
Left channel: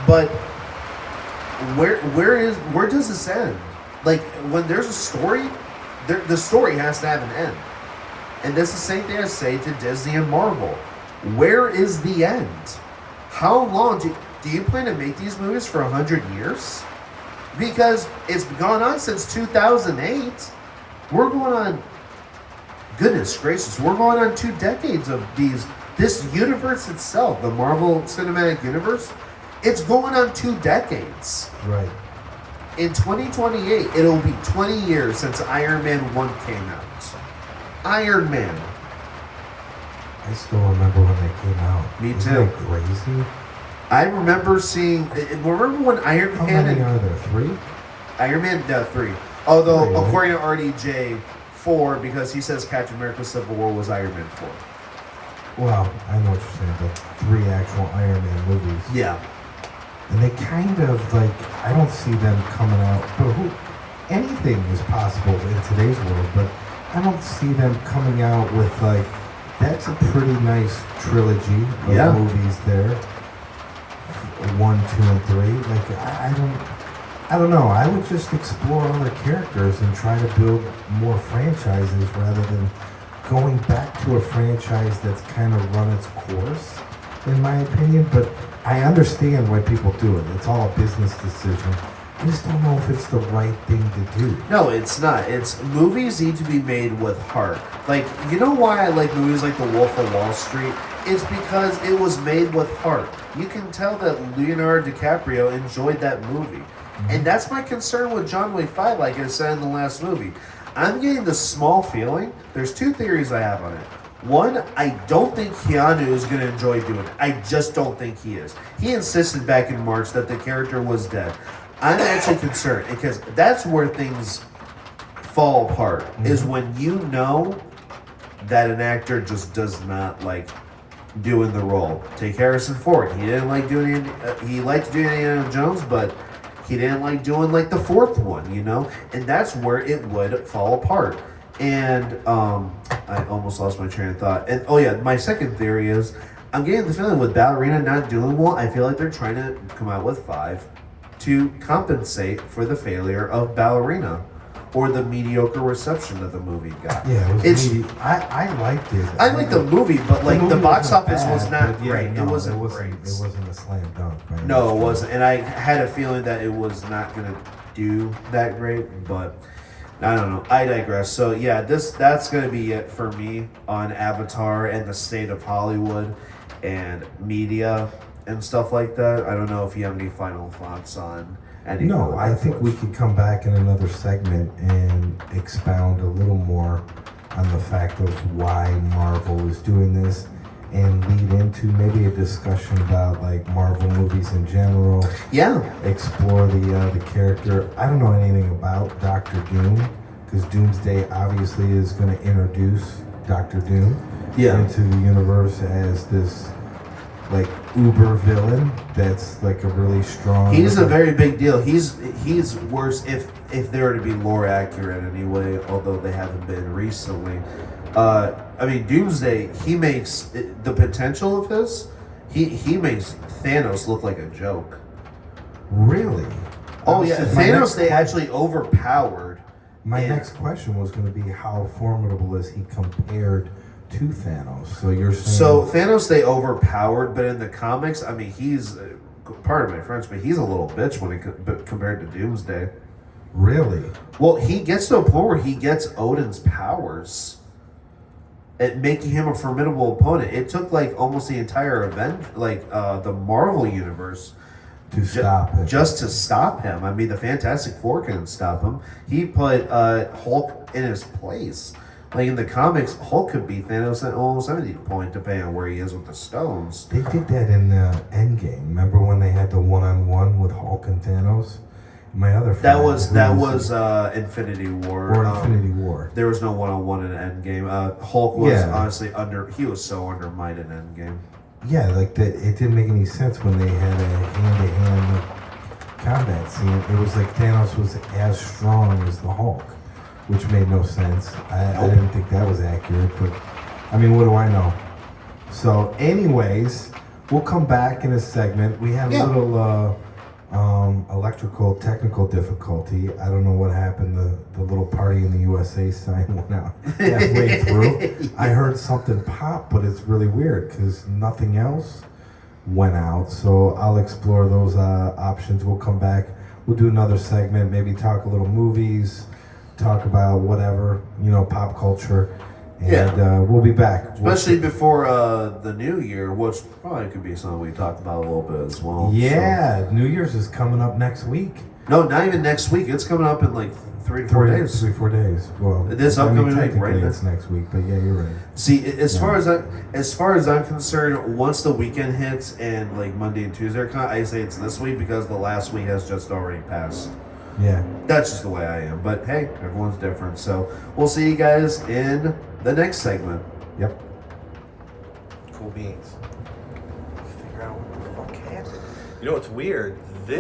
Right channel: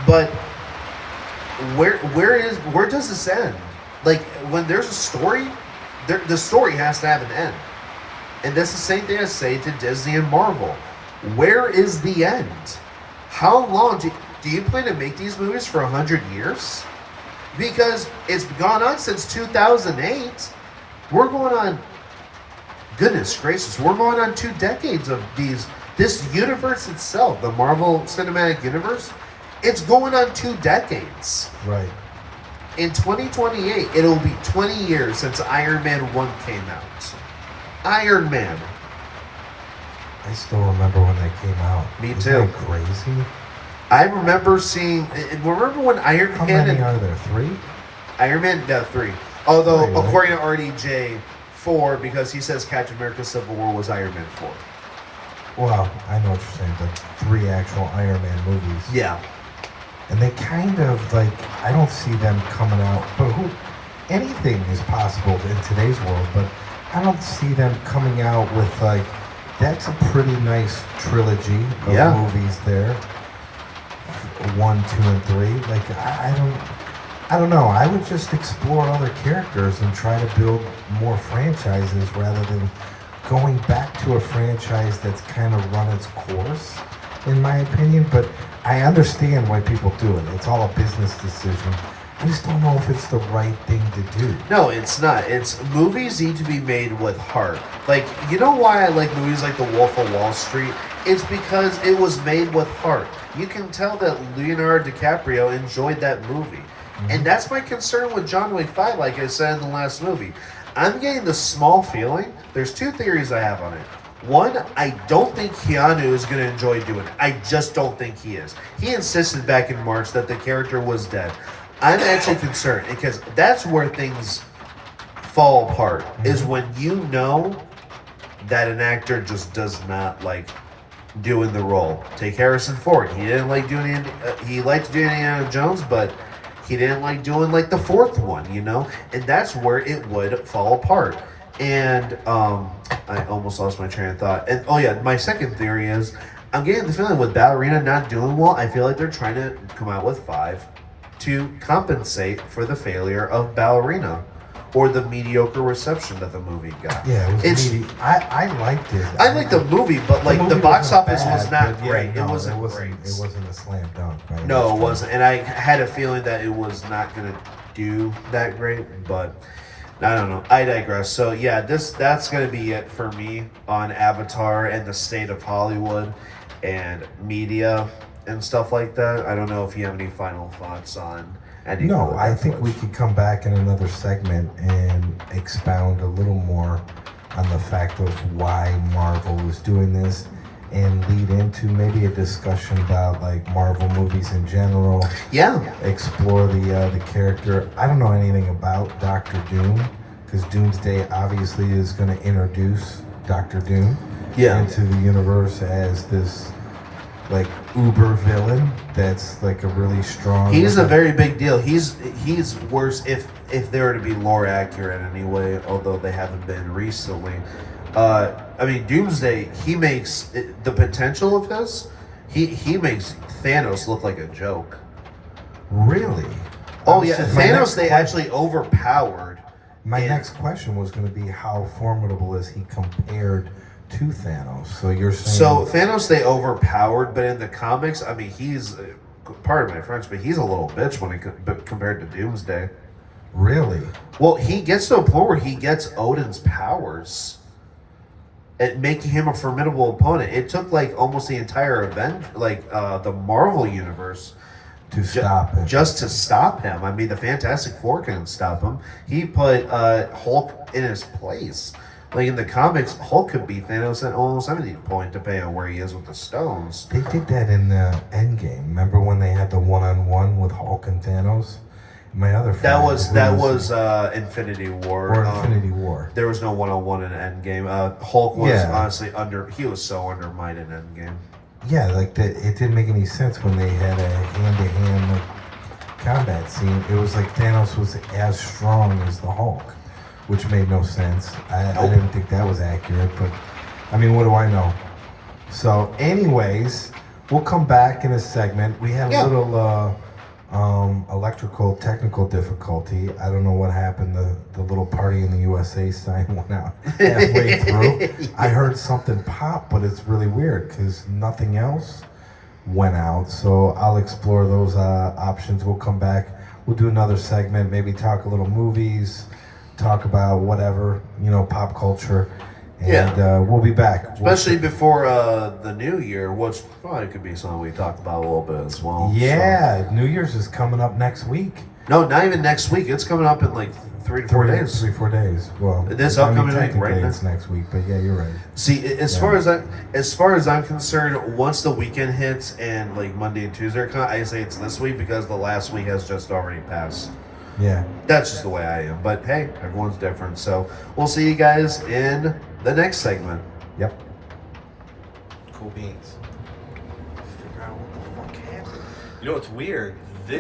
But where does this end? Like, when there's a story, the story has to have an end. And that's the same thing I say to Disney and Marvel. Where is the end? How long do you plan to make these movies for 100 years? Because it's gone on since 2008. We're going on, goodness gracious, we're going on 2 decades of this universe itself, the Marvel Cinematic Universe, it's going on 2 decades. Right. In 2028, it'll be 20 years since Iron Man 1 came out. Iron Man. I still remember when they came out. Me Isn't too. that crazy? I remember seeing. Remember when Iron How Man? many are there? 3? Iron Man 3. Although 3, right? according to RDJ, 4 because he says Captain America: Civil War was Iron Man 4. Well, I know what you're saying, but 3 actual Iron Man movies. Yeah. And they kind of like, I don't see them coming out. But anything is possible in today's world. But I don't see them coming out with like. That's a pretty nice trilogy of movies there. 1, 2, and 3. Like I don't know. I would just explore other characters and try to build more franchises rather than going back to a franchise that's kind of run its course. in my opinion. But I understand why people do it. It's all a business decision. I just don't know if it's the right thing to do. No, it's not. It's movies need to be made with heart. Like, you know why I like movies like The Wolf of Wall Street? It's because it was made with heart. You can tell that Leonardo DiCaprio enjoyed that movie. And that's my concern with John Wick 5, like I said in the last movie. I'm getting the small feeling. There's two theories I have on it. One, I don't think Keanu is going to enjoy doing it. I just don't think he is. He insisted back in March that the character was dead. I'm actually concerned because that's where things fall apart, is when you know that an actor just does not like doing the role. Take Harrison Ford. He didn't like doing he liked doing Indiana Jones, but he didn't like doing like the fourth one, you know? And that's where it would fall apart. And I almost lost my train of thought. And oh yeah, my second theory is I'm getting the feeling with Ballerina not doing well, I feel like they're trying to come out with 5 to compensate for the failure of Ballerina or the mediocre reception that the movie got. Yeah, I liked it. I liked the movie, but like the movie box wasn't office was bad, not but yeah, great. no, It wasn't great. It wasn't a slam dunk. Man. No, it wasn't. And I had a feeling that it was not going to do that great, but I don't know. I digress. So yeah, that's going to be it for me on Avatar and the state of Hollywood and media and stuff like that. I don't know if you have any final thoughts on any. No, I think we could come back in another segment and expound a little more on the fact of why Marvel is doing this and lead into maybe a discussion about like Marvel movies in general. Yeah. Explore the character. I don't know anything about Doctor Doom because Doomsday obviously is going to introduce Doctor Doom into the universe as this like uber villain that's like a really strong. He's a very big deal. He's worse if they were to be lore accurate anyway, although they haven't been recently. I mean, Doomsday, he makes the potential of this. He makes Thanos look like a joke. Really? Oh yeah, Thanos they actually overpowered. My next question was going to be how formidable is he compared to Thanos? So you're saying... So Thanos they overpowered, but in the comics, I mean, he's pardon my French, but he's a little bitch when compared to Doomsday. Really? Well, he gets to a point where he gets Odin's powers, at making him a formidable opponent. It took like almost the entire event, like the Marvel universe, to stop him. Just to stop him. I mean, the Fantastic Four couldn't stop him. He put Hulk in his place. Like in the comics, Hulk could beat Thanos at almost any point, depending on where he is with the stones. They did that in Endgame. Remember when they had the one-on-one with Hulk and Thanos? My other that was Infinity War. Or Infinity War. There was no one-on-one in Endgame. Hulk was honestly he was so undermined in Endgame. Yeah, like it didn't make any sense when they had a hand-to-hand combat scene. It was like Thanos was as strong as the Hulk, which made no sense. I didn't think that was accurate, but I mean, what do I know? So, anyways, we'll come back in a segment. We had a little electrical technical difficulty. I don't know what happened. The little party in the USA sign went out halfway through. I heard something pop, but it's really weird because nothing else went out. So I'll explore those options. We'll come back. We'll do another segment, maybe talk a little movies, talk about whatever, pop culture. And we'll be back. Especially before the new year, which probably could be something we talk about a little bit as well. Yeah, so. New Year's is coming up next week. No, not even next week. It's coming up in like 3 to 4 days. 3-4 days. Well, this upcoming week, right? It's next week, but yeah, you're right. See, as far as I'm concerned, once the weekend hits and like Monday and Tuesday are I say it's this week because the last week has just already passed. Yeah. That's just the way I am. But hey, everyone's different. So we'll see you guys in the next segment. Yep. Cool beans. Figure out what the fuck happened. You know what's weird?